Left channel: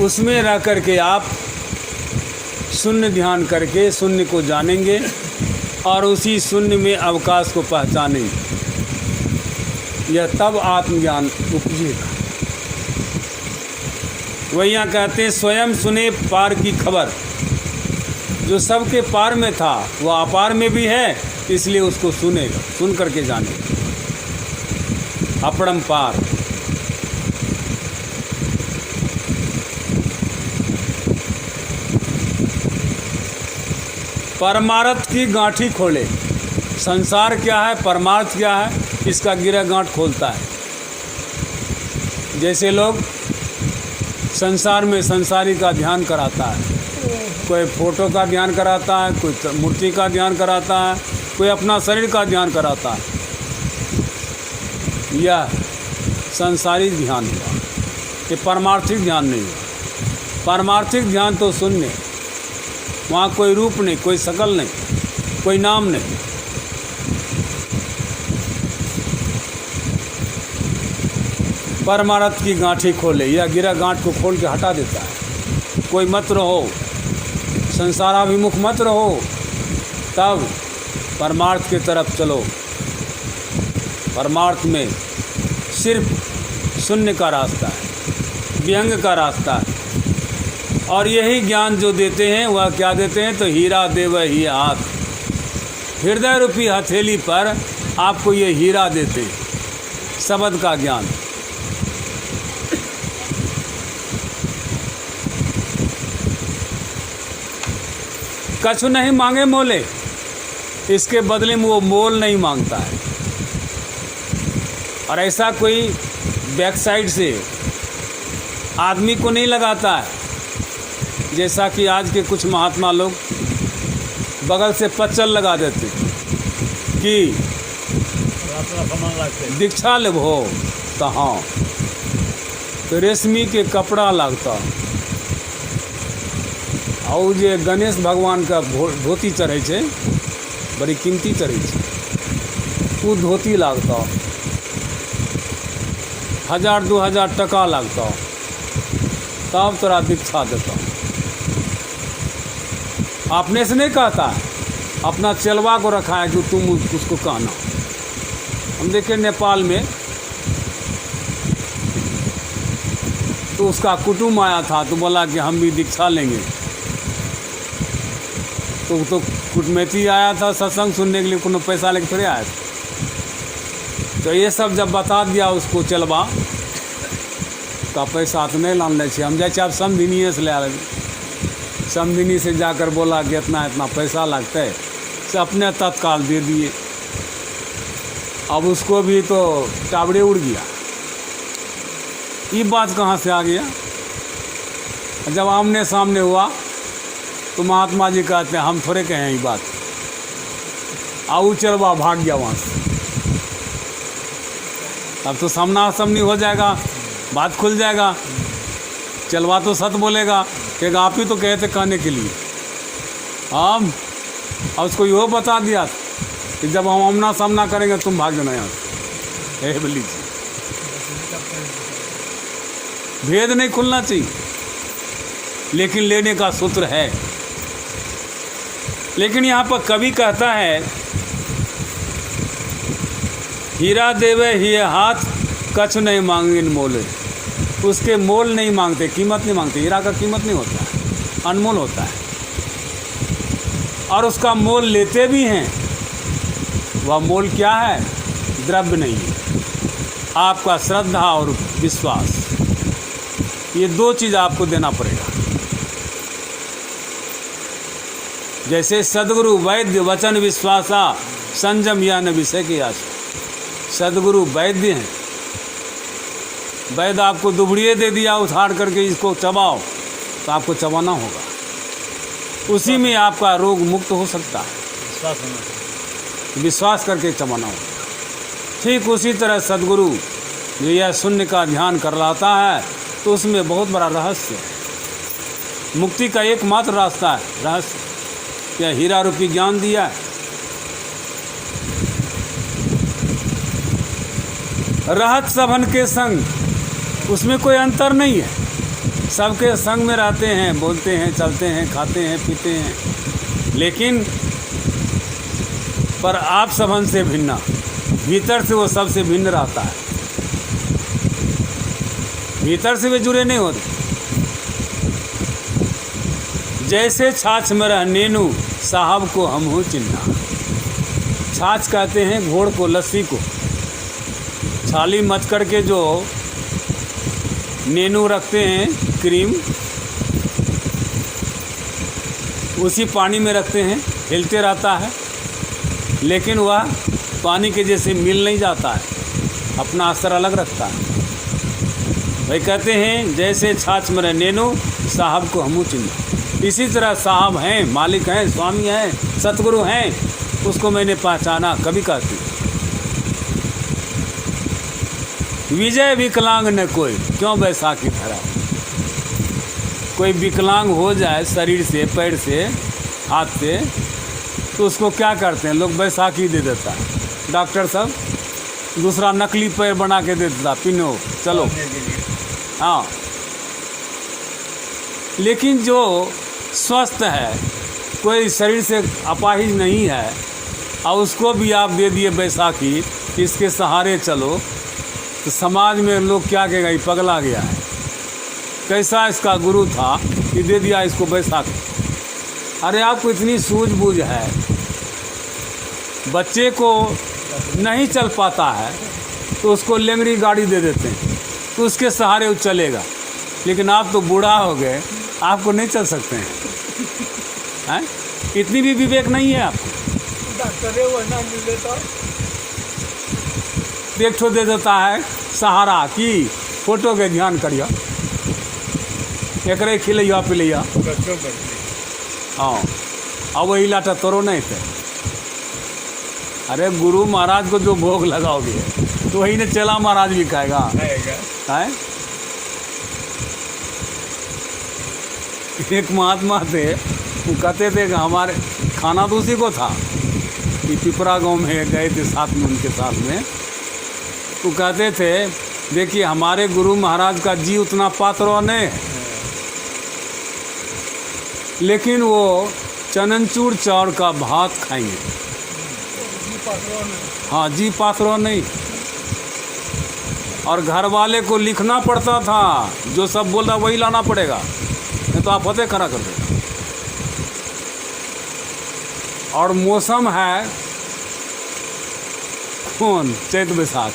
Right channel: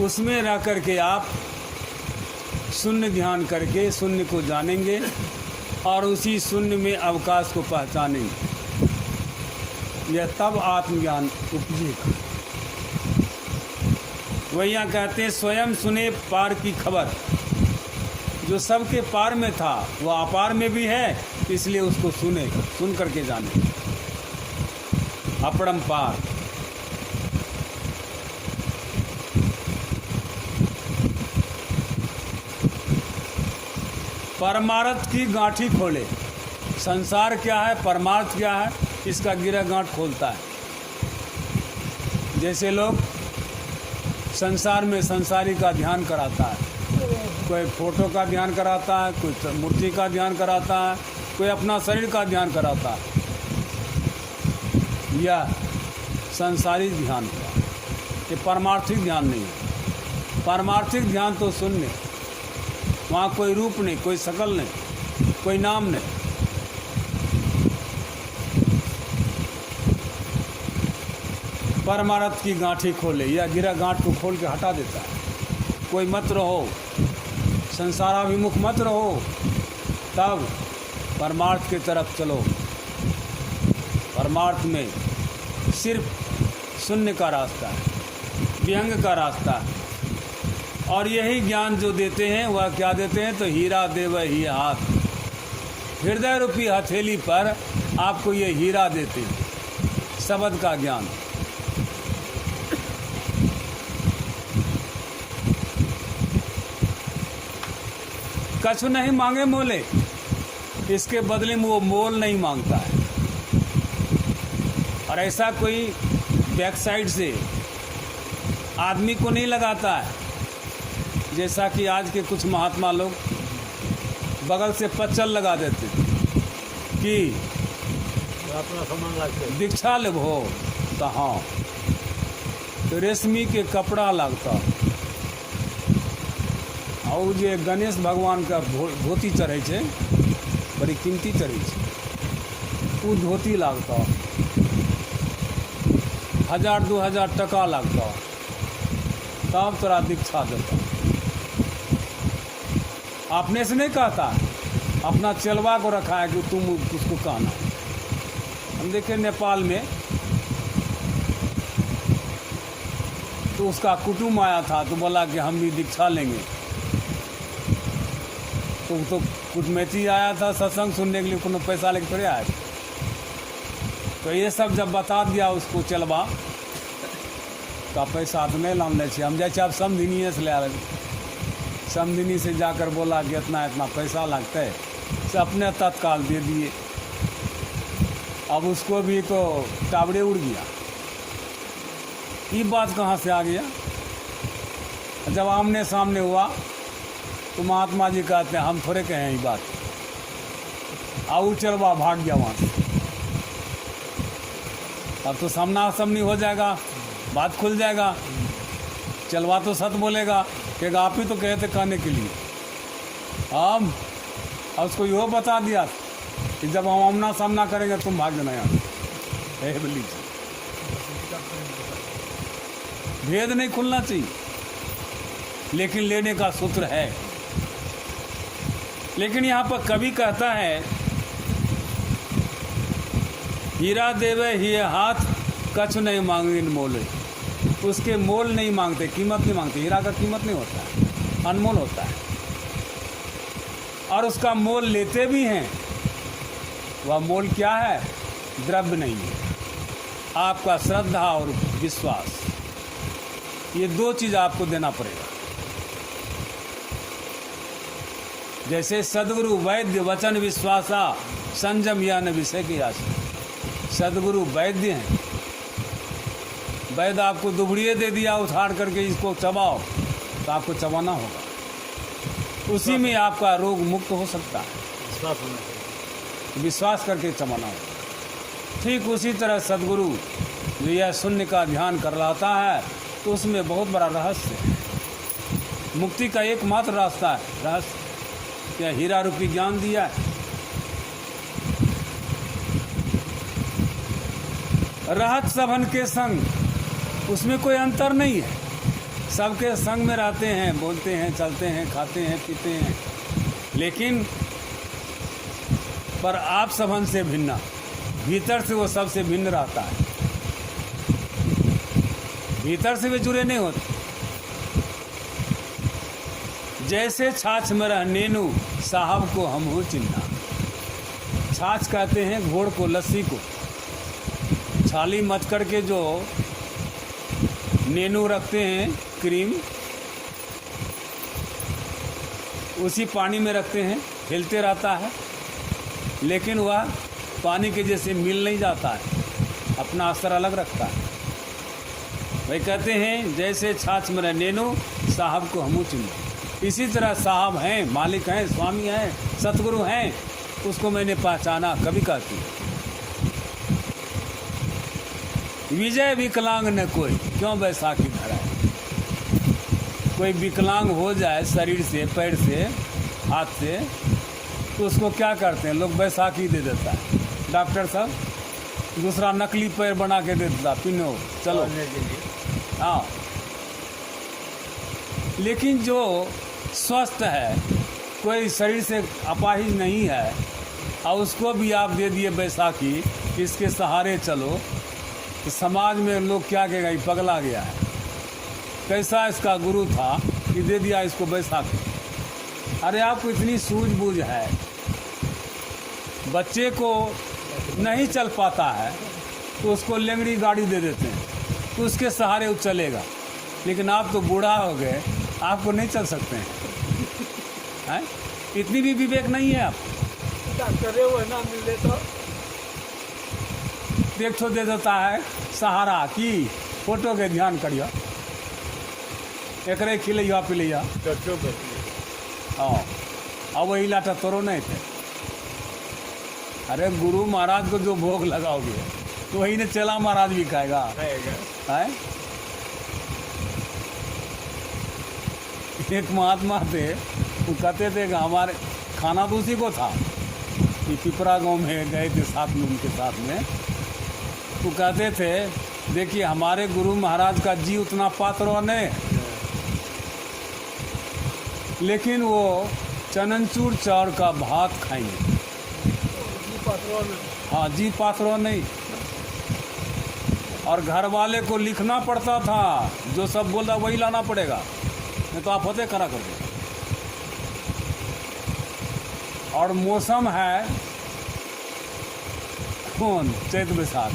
उसमें रह करके आप शून्य ध्यान करके शून्य को जानेंगे और उसी शून्य में अवकाश को पहचानेंगे। यह तब आत्मज्ञान उपजेगा। वही यहाँ कहते हैं स्वयं सुने पार की खबर। जो सबके पार में था वह अपार में भी है, इसलिए उसको सुने, सुन करके जाने। अपरंपार। परमार्थ की गांठी खोले। संसार क्या है, परमार्थ क्या है, इसका गिरा गांठ खोलता है। जैसे लोग संसार में संसारी का ध्यान कराता है, कोई फोटो का ध्यान कराता है, कोई मूर्ति का ध्यान कराता है, कोई अपना शरीर का ध्यान कराता है। यह संसारी ध्यान हुआ, ये परमार्थिक ध्यान नहीं हुआ। परमार्थिक ध्यान तो शून्य, वहाँ कोई रूप नहीं, कोई शकल नहीं, कोई नाम नहीं। परमार्थ की गांठी खोले, यह गिरा गांठ को खोल के हटा देता है। कोई मत रहो, संसाराभिमुख मत रहो, तब परमार्थ की तरफ चलो। परमार्थ में सिर्फ शून्य का रास्ता है, व्यंग का रास्ता है। और यही ज्ञान जो देते हैं वह क्या देते हैं, तो हीरा देव ही हाथ। हृदय रूपी हथेली पर आपको ये हीरा देते हैं, शब्द का ज्ञान। कछु नहीं मांगे मोले, इसके बदले में वो मोल नहीं मांगता है। और ऐसा कोई बैक साइड से आदमी को नहीं लगाता है, जैसा कि आज के कुछ महात्मा लोग बगल से पच्चल लगा देते कि दीक्षा ले हो कहाँ, तो रेशमी के कपड़ा लगता। और जे गणेश भगवान का धोती चढ़े छे, बड़ी कीमती चढ़े छे, वो धोती लगता 1000-2000 टका लगता, तब तोरा दीक्षा देता। आपने से नहीं कहता, अपना चेलवा को रखा है कि तुम उसको कहना। हम देखे नेपाल में तो उसका कुटुंब आया था, तो बोला कि हम भी दीक्षा लेंगे। तो कुटमेती आया था सत्संग सुनने के लिए, कोनो पैसा लेके थोड़े आया था। तो ये सब जब बता दिया उसको चलवा, तो पैसा तो नहीं लाने छे, हम जाए आप समधिनिए से ले आ। समधिनी से जाकर बोला कि इतना इतना पैसा लगता है, से अपने तत्काल दे दिए। अब उसको भी तो टावड़े उड़ गया। ये बात कहाँ से आ गया? जब आमने सामने हुआ तो महात्मा जी कहते हैं हम थोड़े कहें ये बात। आऊ चलवा भाग गया वहाँ से। अब तो सामना सामनी हो जाएगा, बात खुल जाएगा। चलवा तो सच बोलेगा कि आप ही तो कहे थे कहने के लिए। हम और उसको यो बता दिया कि जब हम आमना सामना करेंगे तुम भाग जाना यहाँ से। बोली भेद नहीं खुलना चाहिए, लेकिन लेने का सूत्र है। लेकिन यहाँ पर कवि कहता है हीरा देवे ही हाथ, कछु नहीं मांगे मोले। उसके मोल नहीं मांगते, कीमत नहीं मांगते। हीरा का कीमत नहीं होता, अनमोल होता है। और उसका मोल लेते भी हैं। वह मोल क्या है? द्रव्य नहीं है, आपका श्रद्धा और विश्वास। ये दो चीज़ आपको देना पड़ेगा। जैसे सदगुरु वैद्य वचन विश्वासा, संयम या न विषय की आशा। सदगुरु वैद्य हैं। वैद्य आपको दुबड़िए दे दिया उछाड़ करके, इसको चबाओ, तो आपको चबाना होगा। उसी में आपका रोग मुक्त हो सकता है, विश्वास करके चबाना होगा। ठीक उसी तरह सदगुरु जो यह शून्य का ध्यान कर लाता है, तो उसमें बहुत बड़ा रहस्य है। मुक्ति का एकमात्र रास्ता है रहस्य। क्या हीरा रूपी ज्ञान दिया है। रहत सबन के संग, उसमें कोई अंतर नहीं है। सबके संग में रहते हैं, बोलते हैं, चलते हैं, खाते हैं, पीते हैं, लेकिन पर आप सबन से भिन्न, भीतर से वो सबसे भिन्न रहता है, भीतर से वे जुड़े नहीं होते। जैसे छाछ में रह नेनू साहब को हम हो चिन्हा। छाछ कहते हैं घोड़ को, लस्सी को, छाली मच करके जो नेनू रखते हैं, क्रीम, उसी पानी में रखते हैं, हिलते रहता है, लेकिन वह पानी के जैसे मिल नहीं जाता है, अपना असर अलग रखता है। वही कहते हैं जैसे छाछ में रह नेनू साहब को हमू चिन्हा। इसी तरह साहब हैं, मालिक हैं, स्वामी हैं, सतगुरु हैं, उसको मैंने पहचाना। कभी कहती विजय विकलांग न कोई, क्यों बैसाखी धरा। कोई विकलांग हो जाए शरीर से, पैर से, हाथ से, तो उसको क्या करते हैं लोग, बैसाखी दे देता है। डॉक्टर साहब दूसरा नकली पैर बना के दे देता, पिनो चलो। हाँ, लेकिन जो स्वस्थ है, कोई शरीर से अपाहिज नहीं है, और उसको भी आप दे दिए बैसाखी, इसके सहारे चलो, तो समाज में लोग क्या कहेगा, ये पगला गया है, कैसा इसका गुरु था कि दे दिया इसको बैसाखी। अरे आपको इतनी सूझबूझ है, बच्चे को नहीं चल पाता है तो उसको लेंगड़ी गाड़ी दे देते हैं, तो उसके सहारे वो चलेगा। लेकिन आप तो बूढ़ा हो गए, आपको नहीं चल सकते हैं, हैं? इतनी भी विवेक नहीं है आप। एक ठो दे देता है सहारा की फोटो के ध्यान करिए, एक खिलैया पिलैया, हाँ, अब वही लाटा तोरो नहीं थे। अरे गुरु महाराज को जो भोग लगाओगे तो वही ने चेला महाराज भी खाएगा, है? एक महात्मा थे, वो कहते थे कि हमारे खाना तो उसी को था, कि पिपरा गांव में गए थे साथ में, उनके साथ में, वो कहते थे देखिए हमारे गुरु महाराज का जी उतना पात्र नहीं, लेकिन वो चननचूर चावल का भात खाएंगे। हाँ, जी पात्रों नहीं। और घर वाले को लिखना पड़ता था, जो सब बोल रहा वही लाना पड़ेगा, नहीं तो आप फतेह करा करते। और मौसम है कौन, चैत बैसाख,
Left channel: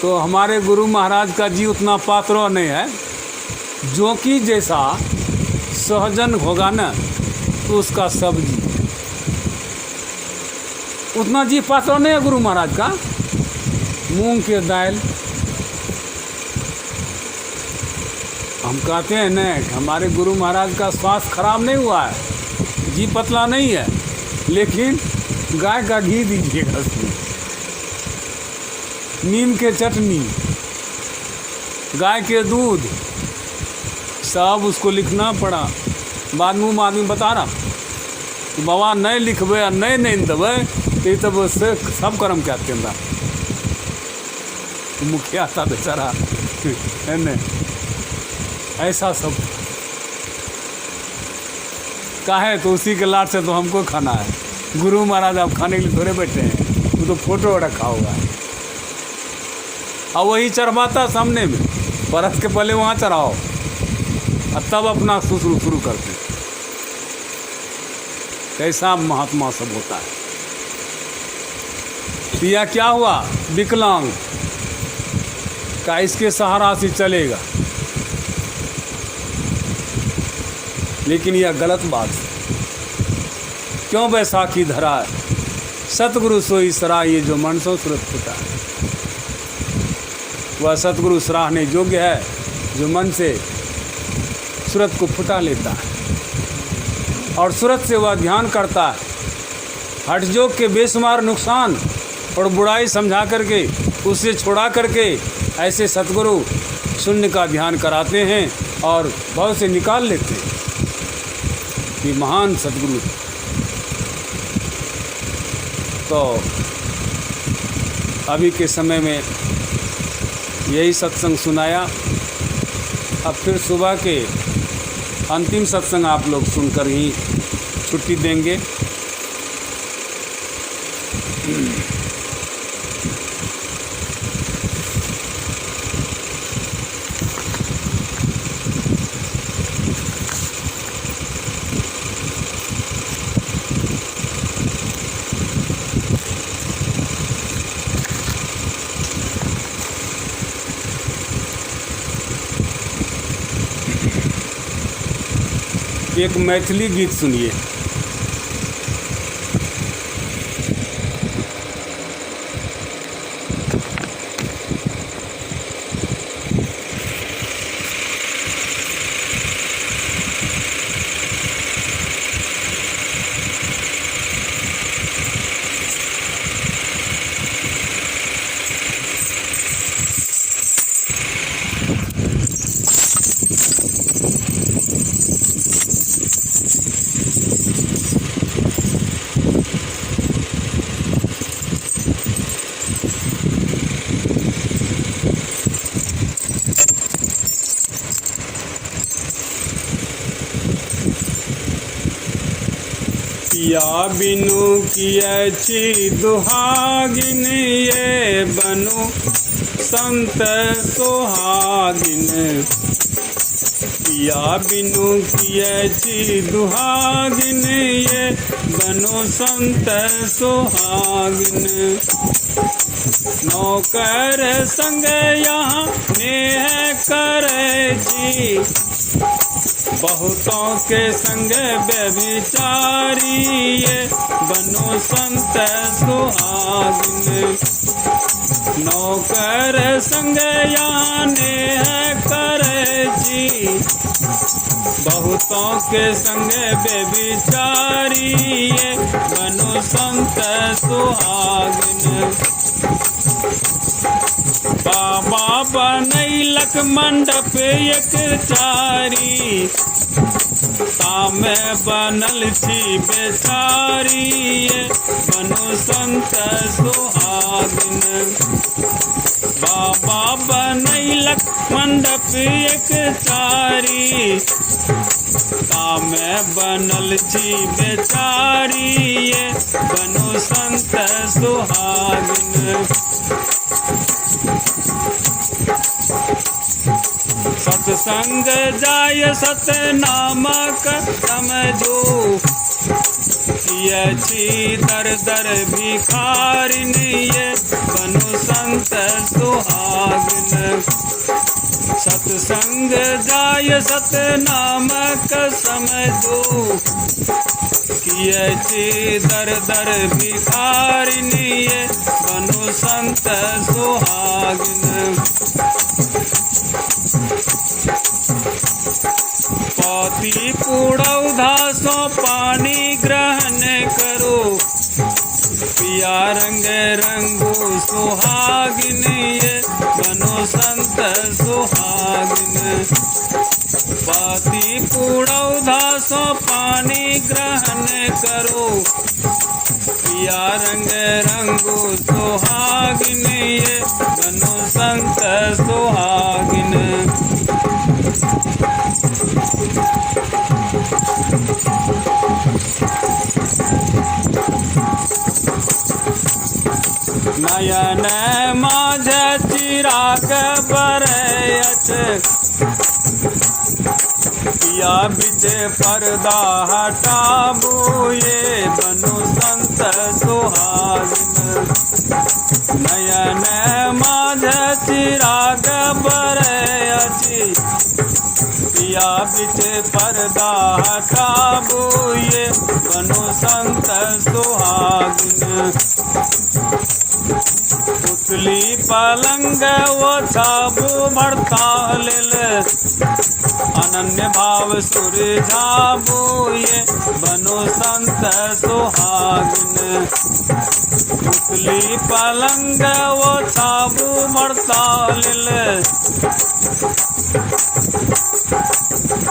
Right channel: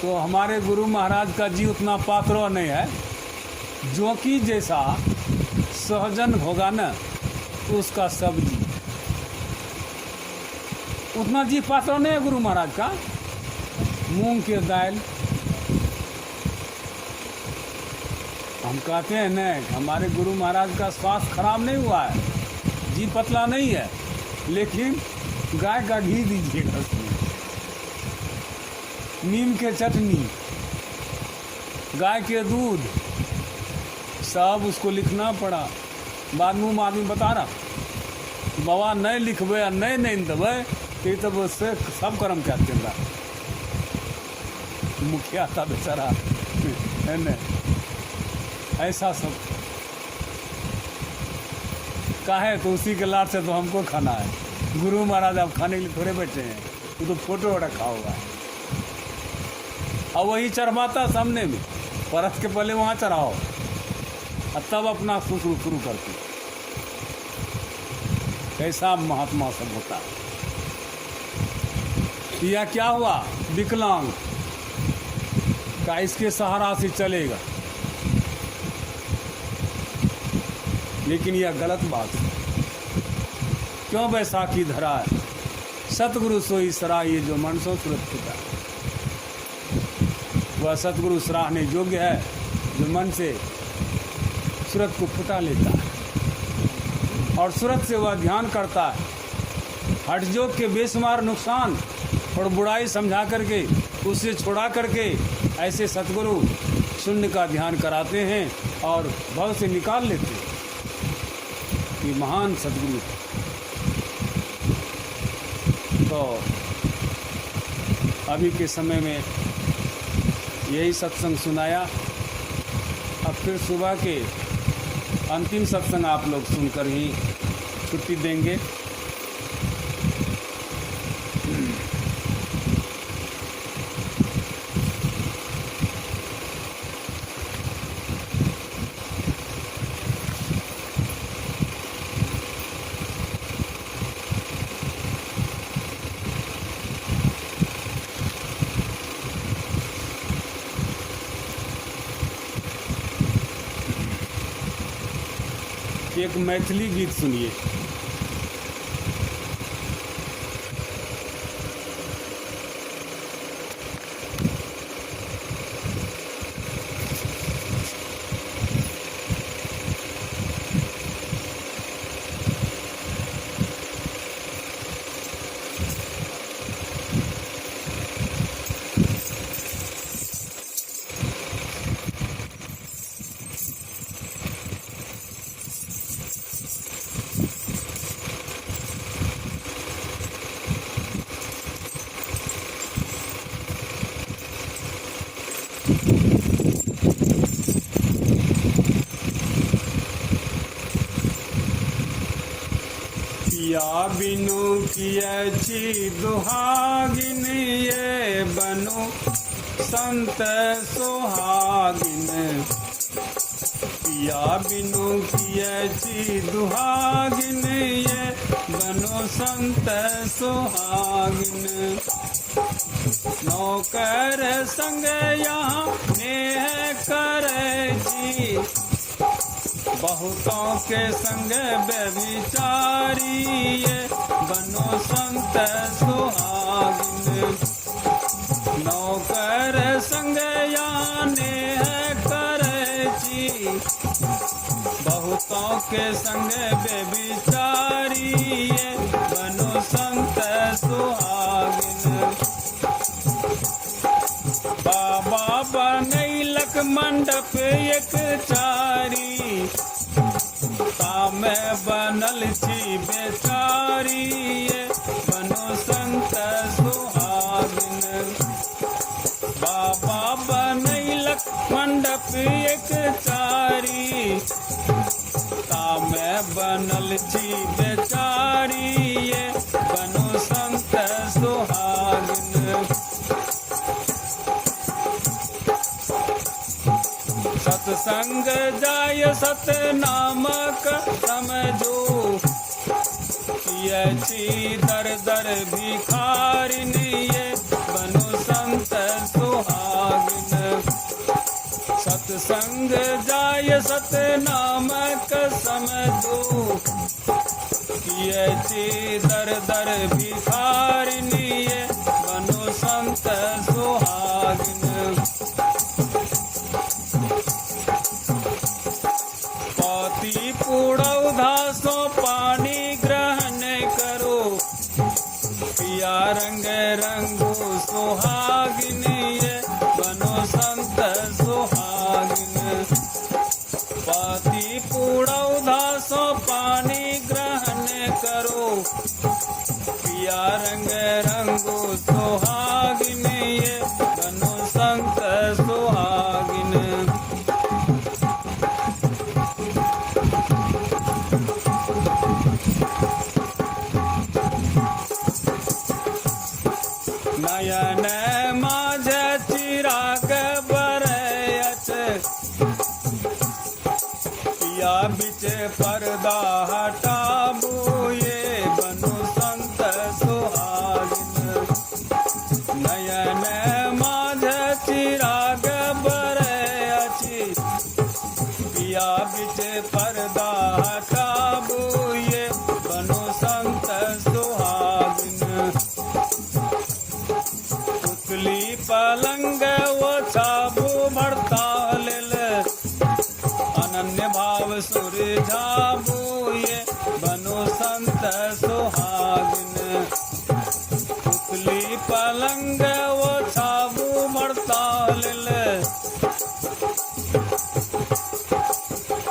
तो हमारे गुरु महाराज का जी उतना पात्रों नहीं है, जो कि जैसा सहजन होगा ना तो उसका सब्जी, उतना जी पात्रों नहीं है गुरु महाराज का। मूंग के दाल, हम कहते हैं न, हमारे गुरु महाराज का स्वास्थ्य खराब नहीं हुआ है, जी पतला नहीं है, लेकिन गाय का घी दीजिएगा उसमें, नीम के चटनी, गाय के दूध, सब उसको लिखना पड़ा। बाद में आदमी बता रहा कि बाबा नहीं लिखबे और नहीं देवे तो तब से सब कर्म क्या केंद्र मुखिया था बेचारा, ऐसा सब काहे, तो उसी के लाट से तो हमको खाना है। गुरु महाराज आप खाने के लिए थोड़े बैठे हैं, वो तो फोटो रखा होगा, और वही चढ़वाता सामने में, परत के पहले वहाँ चढ़ाओ और तब अपना शुरू करते। कैसा महात्मा सब होता है। पिया क्या हुआ, विकलांग का इसके सहारा से चलेगा, लेकिन यह गलत बात है। क्यों बैसाखी धरा, सतगुरु सोई सराह, ये जो मन सो सुरत फुटा, वह सतगुरु सराहने योग्य है, जो मन से सूरत को फुटा लेता है और सूरत से वह ध्यान करता है। हठयोग के बेशुमार नुकसान और बुराई समझा करके उससे छुड़ा करके ऐसे सतगुरु शून्य का ध्यान कराते हैं और बहुत से निकाल लेते हैं। ये महान सतगुरु। तो अभी के समय में यही सत्संग सुनाया अब फिर सुबह के अंतिम सत्संग आप लोग सुनकर ही छुट्टी देंगे। एक मैथिली गीत सुनिए। पिया बिनु कियछि दुहागिन, ये बनु संत सुहागिन। पिया बिनु कियछि दुहागिन, ये बनु संत सुहागिन। नौकर संग यहाँ नेह करछि, बहुतों के संग व्यभिचारी, ये बनो संत सुहागिन। नौकर संग यहाँ नेह करछि, बहुतों के संग व्यभिचारी, ये बनो संत सुहागिन। बाबा बनैलक मंडप एक चारी, तामे बनल छी बेचारी, ये बनो संत सुहागिन। बाबा बनैलक मंडप एक चारी, तामे बनल छी बेचारी, ये बनो संत सुहागिन। सत्संग जाय सतनामक समझो, कियछि दर दर भिखारिन, ये बनो संत सुहागिन। सत्संग जाय सतनामक समझो, कियछि दर दर भिखारिन, ये बनो संत सुहागिन। पति कूड़ौधा सो पानी ग्रहण करो, पिया रंग रंगो सुहागिन, ये बनो संत सुहागिन। पति कूड़ौधा सो पानी ग्रहण करो, पिया रंग रंगो सुहागिन, ये बनो संत सुहागिन। नयन माझ चिराग बरयत, पिया बिच पर्दा हटाबू, ये बनो संत सुहागिन। नयन माझ चिराग बरयत, पिया बिच पर्दा हटाबू, ये बनो संत सुहागिन। उथली पलंग ओछाबू मड़ताल, अनन्य भाव सुरझाबू, ये बनो संत सुहागिन। उथली पलंग ओछाबू मड़ताल,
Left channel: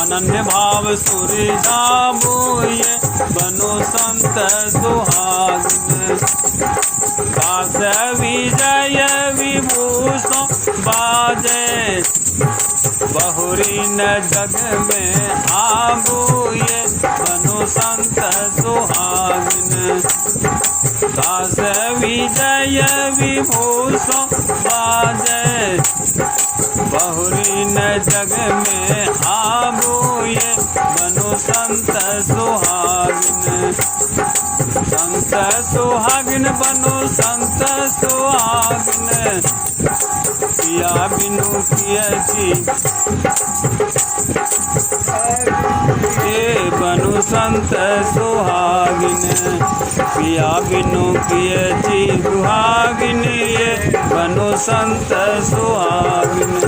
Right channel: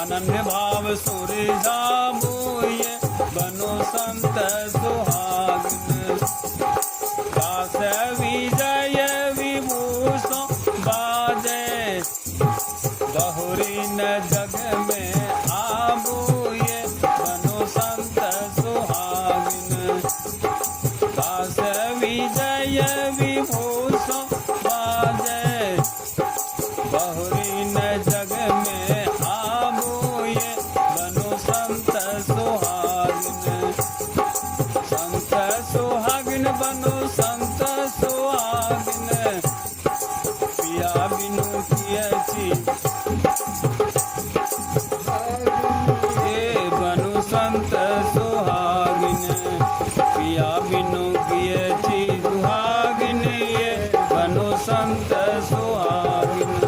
अनन्य भाव सुरझाबू, ये बनो संत सुहागिन। दास विजय विभूषण बाजे, बहुरी न जग में आबू ये बनो संत सुहागिन दास विजय विभूषण बाजय बहुरी न जग में आबू ये बनो संत सुहागिन बनो संत सुहागिन पिया बिनु कियछि ये बनो संत सुहागिन पिया बिनु कियछि सुहागिन ये बनो संत सुहागिन।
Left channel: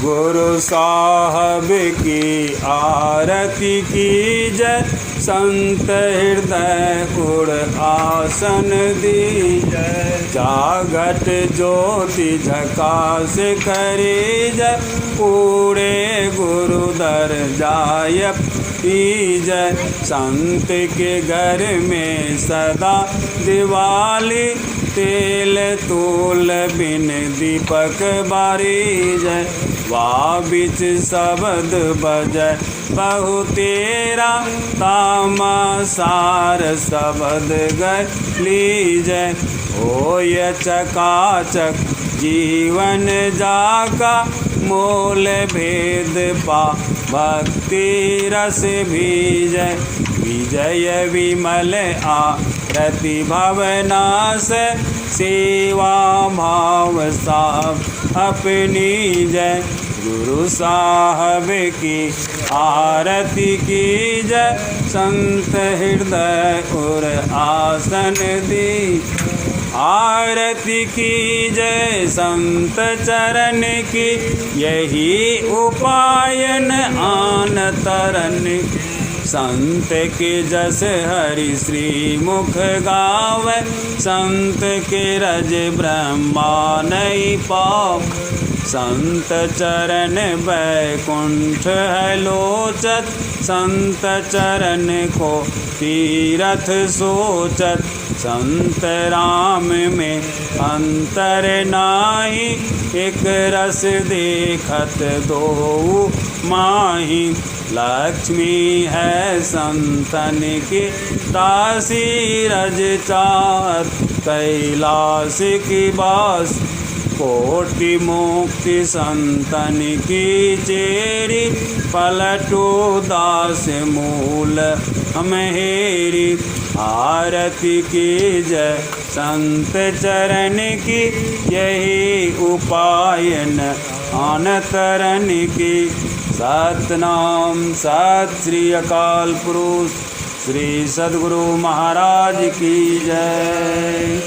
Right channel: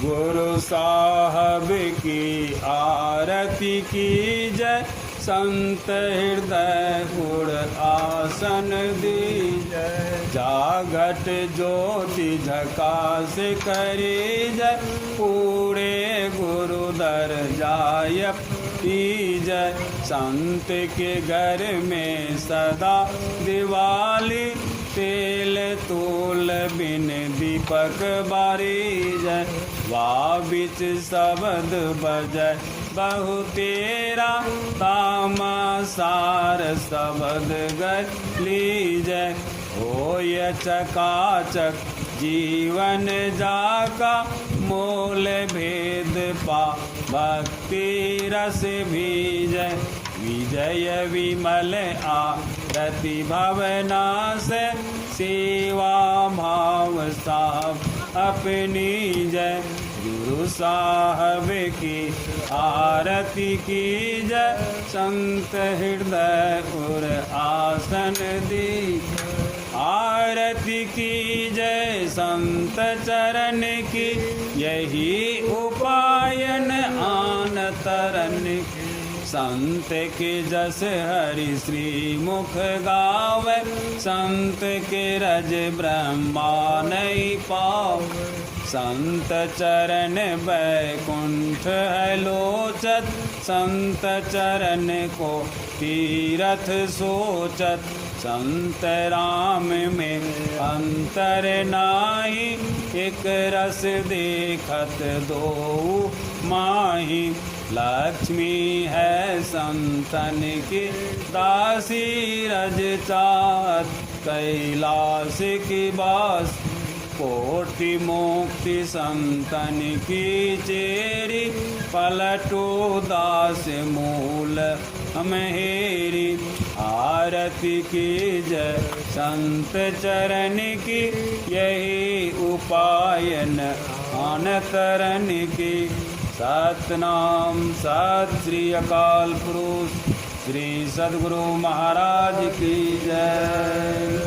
गुरु साहब की आरती कीजय संत हृदय कुड़ आसन दीजय जागट ज्योति झकास करीजय पूरे गुरु दर जाय पीजय संत के घर में सदा दिवाली तेल तूल बिन दीपक बारीजय वाह बिच शब्द बजय बहु तेरा तामसार शब्द लीजय होय चकाचक जीवन जाका मोल भेद पा भक्ति रस भीजय विजय विमल आरती भवना से सेवा भाव साब अपनी जय गुरु साहब की आरती की जय संत हृदय और आसन दी आरती की जय संत चरण की यही उपायन आन तरन संत के जस हरि श्री मुख गावे संत के रज ब्रह्मा नहीं पाओ संत चरण बैकुंठ है लोचत संत चरण को तीरथ सोचत संत राम में अंतर नाही एक रस देखत दो माही लक्ष्मी है संतन की दासी रज चार कैलाश की बास कोटि मुक्ति संतन की चेरी पलटो दास मूल हमेरी आरती की जय संत चरण की यही उपायन अनतरण की सतनाम सत श्री अकाल पुरुष श्री सद्गुरु महाराज की जय।